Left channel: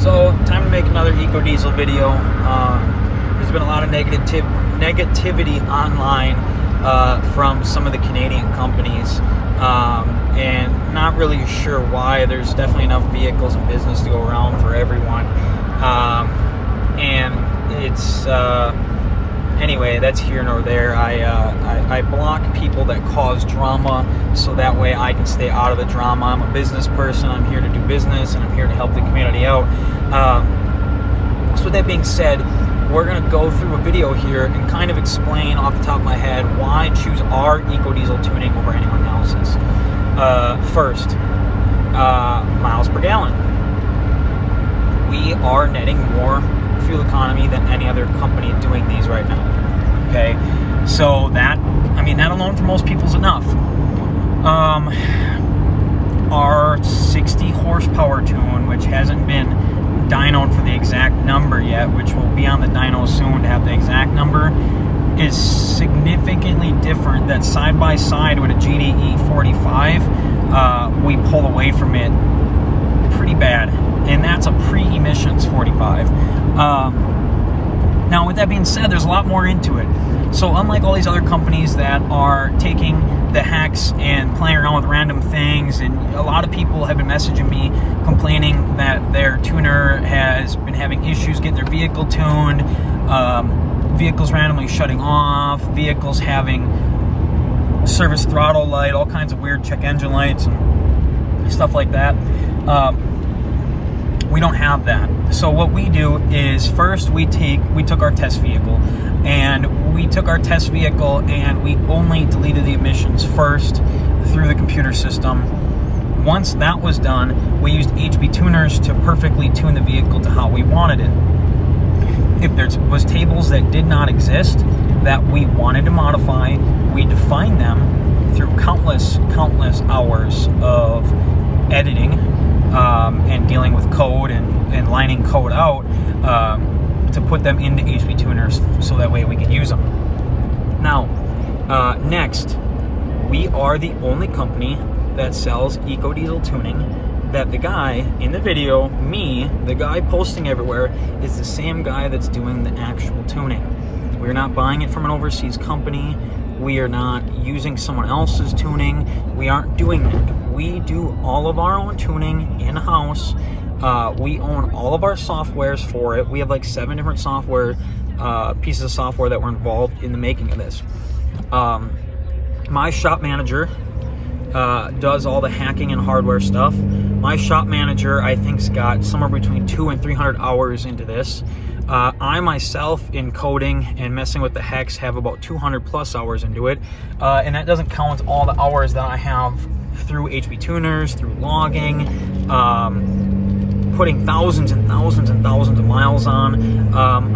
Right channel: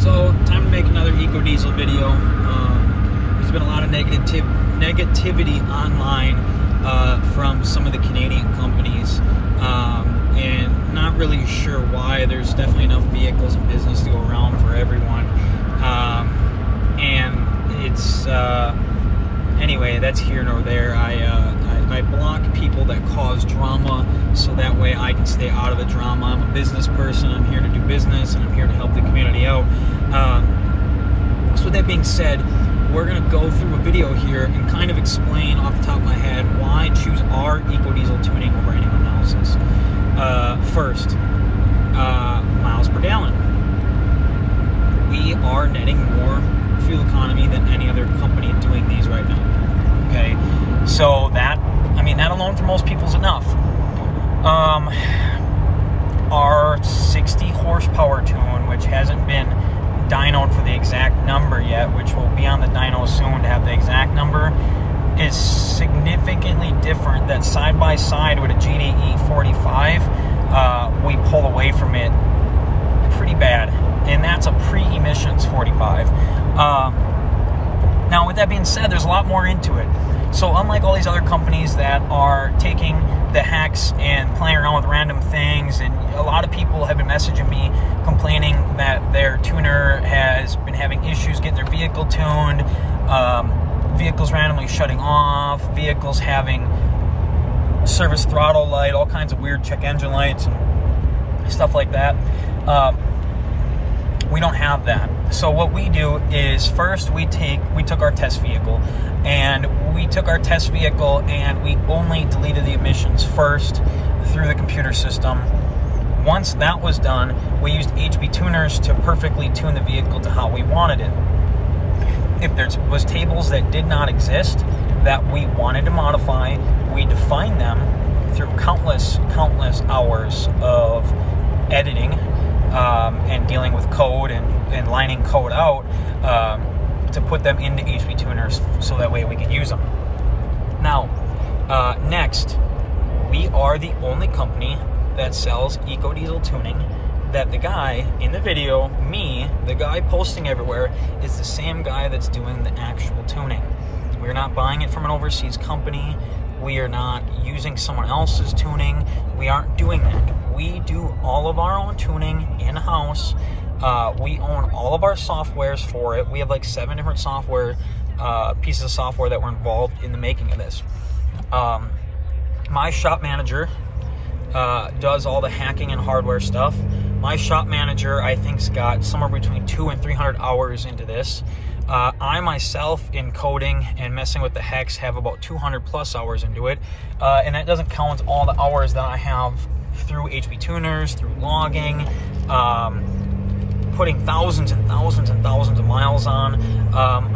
So, time to make another Ecodiesel video. There's been a lot of negativity online from some of the Canadian companies, and not really sure why. There's definitely enough vehicles and business to go around for everyone, and it's anyway, that's here nor there. I block people that cause drama so that way I can stay out of the drama. I'm a business person. I'm here to do business, and I'm here to help the community out. So with that being said, we're going to go through a video here and kind of explain off the top of my head why I choose our Ecodiesel tuning over anyone else's. First, miles per gallon. We are netting more fuel economy than any other company doing these right now. Okay, so that, I mean, that alone for most people is enough. Our 60 horsepower tune, which hasn't been dynoed for the exact number yet, which will be on the dyno soon to have the exact number, is significantly different. That side by side with a GDE 45, we pull away from it pretty bad, and that's a pre-emissions 45. Now, with that being said, there's a lot more into it. So unlike all these other companies that are taking the hacks and playing around with random things, and a lot of people have been messaging me complaining that their tuner has been having issues getting their vehicle tuned, vehicles randomly shutting off, vehicles having service throttle light, all kinds of weird check engine lights and stuff like that. We don't have that. So what we do is, first we took our test vehicle, and we took our test vehicle and we only deleted the emissions first through the computer system. Once that was done, we used HB tuners to perfectly tune the vehicle to how we wanted it. If there was tables that did not exist that we wanted to modify, we defined them through countless hours of editing and dealing with code and lining code out to put them into HB tuners so that way we can use them. Now, next, we are the only company that sells Ecodiesel tuning that the guy in the video, me, the guy posting everywhere, is the same guy that's doing the actual tuning. We're not buying it from an overseas company. We are not using someone else's tuning. We aren't doing that. We do all of our own tuning in-house. We own all of our softwares for it. We have like 7 different software pieces of software that were involved in the making of this. My shop manager does all the hacking and hardware stuff. My shop manager, I think's got somewhere between 200 and 300 hours into this. I myself, in coding and messing with the hex, have about 200 plus hours into it, and that doesn't count all the hours that I have through HB tuners, through logging, putting thousands and thousands and thousands of miles on.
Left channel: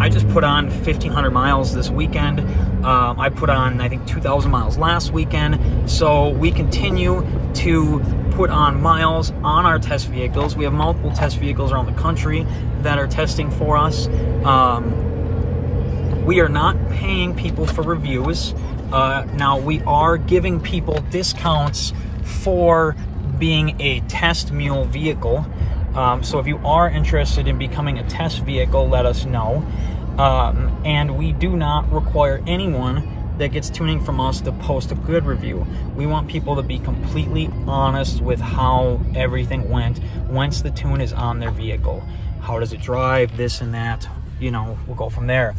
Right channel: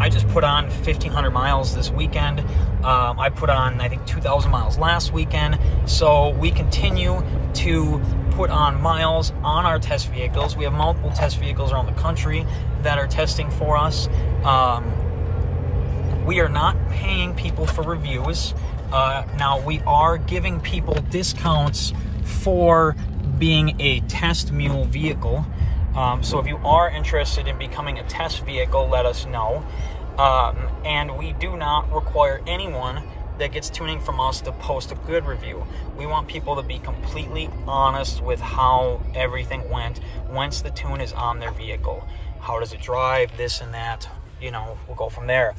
I just put on 1,500 miles this weekend. I put on, I think, 2,000 miles last weekend. So we continue to put on miles on our test vehicles. We have multiple test vehicles around the country that are testing for us. We are not paying people for reviews. Now, we are giving people discounts for being a test mule vehicle. So if you are interested in becoming a test vehicle, let us know. And we do not require anyone that gets tuning from us to post a good review. We want people to be completely honest with how everything went once the tune is on their vehicle. How does it drive, this and that, you know, we'll go from there.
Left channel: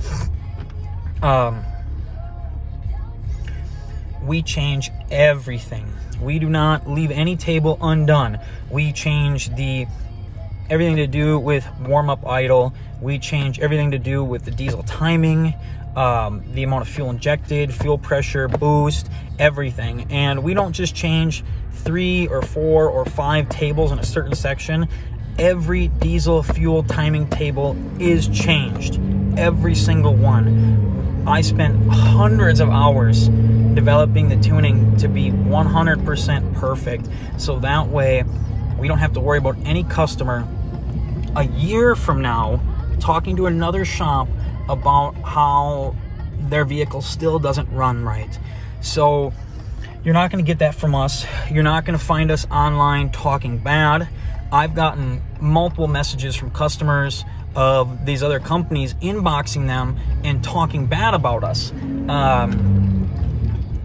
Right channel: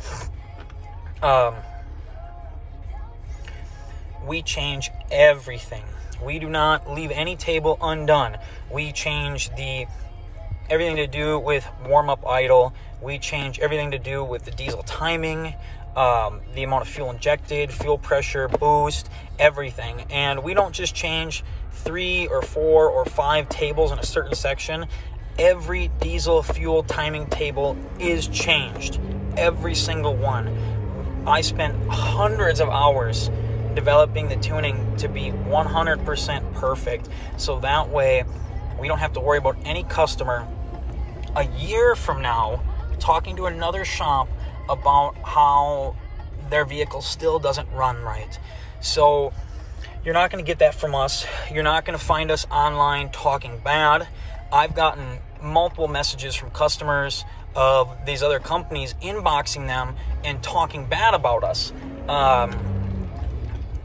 We change everything. We do not leave any table undone. We change everything to do with warm-up idle. We change everything to do with the diesel timing, the amount of fuel injected, fuel pressure, boost, everything. And we don't just change 3 or 4 or 5 tables in a certain section. Every diesel fuel timing table is changed. Every single one. I spent hundreds of hours developing the tuning to be 100% perfect. So that way, we don't have to worry about any customer a year from now talking to another shop about how their vehicle still doesn't run right. So you're not going to get that from us. You're not going to find us online talking bad. I've gotten multiple messages from customers of these other companies inboxing them and talking bad about us.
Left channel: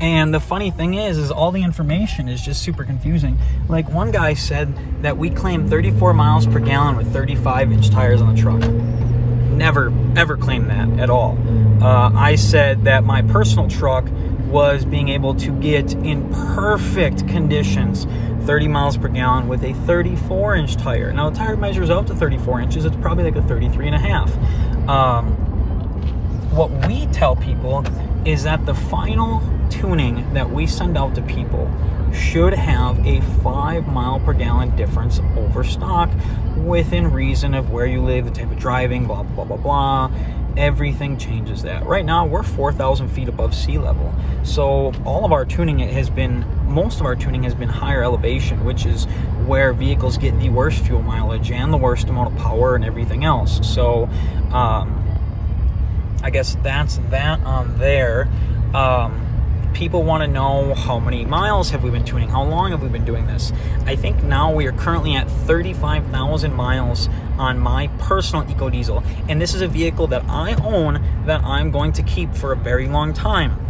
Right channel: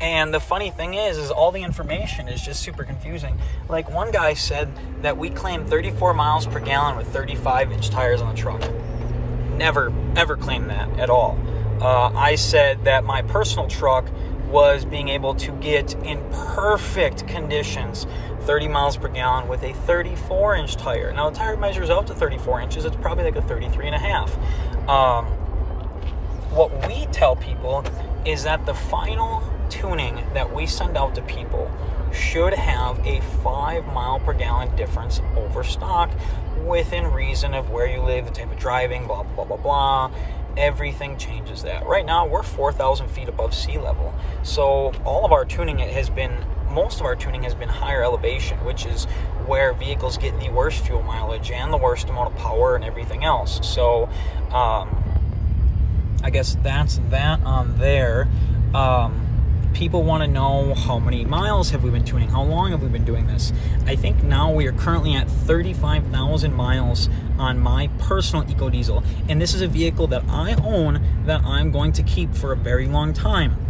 And the funny thing is all the information is just super confusing. Like, one guy said that we claim 34 miles per gallon with 35-inch tires on the truck. Never, ever claimed that at all. I said that my personal truck was being able to get in perfect conditions 30 miles per gallon with a 34-inch tire. Now, the tire measures out to 34 inches. It's probably like a 33 and a half. What we tell people is that the final tuning that we send out to people should have a 5 mile per gallon difference over stock, within reason of where you live, the type of driving, blah, blah, blah, blah. Everything changes that. Right now, we're 4,000 feet above sea level. So all of our tuning most of our tuning has been higher elevation, which is where vehicles get the worst fuel mileage and the worst amount of power and everything else. So I guess that's that on there. People want to know how many miles have we been tuning, how long have we been doing this. I think now we are currently at 35,000 miles on my personal Ecodiesel, and this is a vehicle that I own that I'm going to keep for a very long time.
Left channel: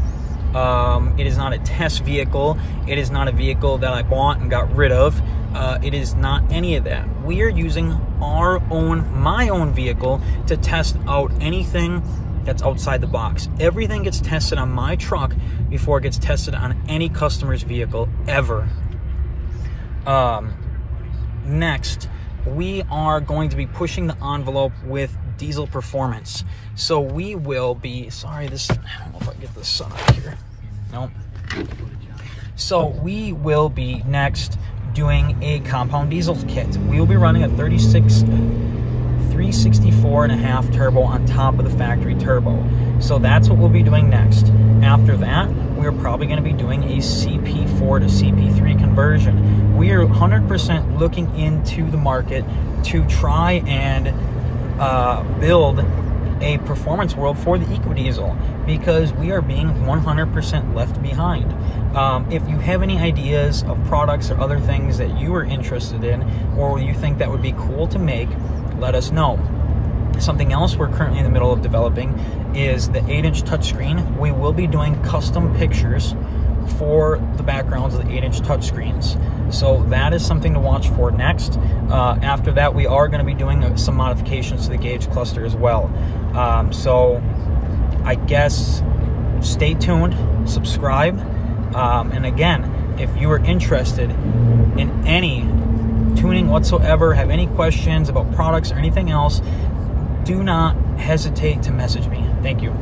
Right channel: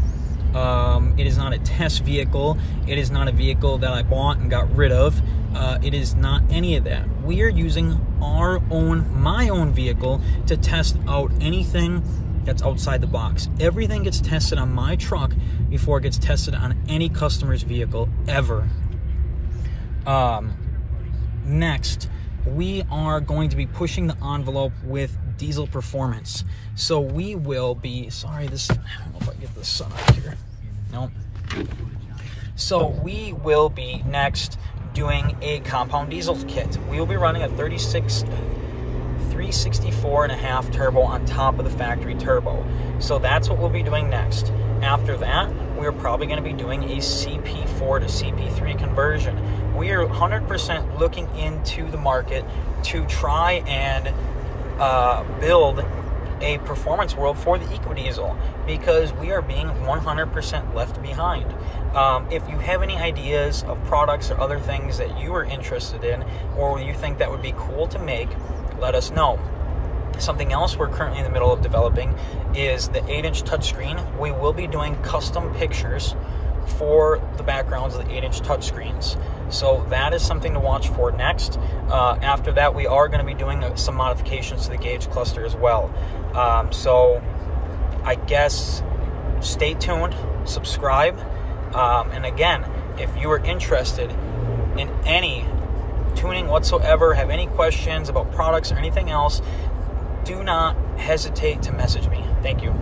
It is not a test vehicle. It is not a vehicle that I bought and got rid of. It is not any of that. We are using my own vehicle to test out anything that's outside the box. Everything gets tested on my truck before it gets tested on any customer's vehicle ever. Next, we are going to be pushing the envelope with diesel performance. So we will be, I don't know if I can get the sun up here. Nope. So we will be next doing a compound diesel kit. We will be running a 364.5 turbo on top of the factory turbo. So that's what we'll be doing next. After that, we're probably going to be doing a CP4 to CP3 conversion. We are 100% looking into the market to try and build a performance world for the Ecodiesel, because we are being 100% left behind. If you have any ideas of products or other things that you are interested in, or you think that would be cool to make, let us know. Something else we're currently in the middle of developing is the 8-inch touchscreen. We will be doing custom pictures for the backgrounds of the 8-inch touchscreens. So that is something to watch for next. After that, we are going to be doing some modifications to the gauge cluster as well. So I guess stay tuned, subscribe, and again, if you are interested in any tuning whatsoever, have any questions about products or anything else, do not hesitate to message me. Thank you.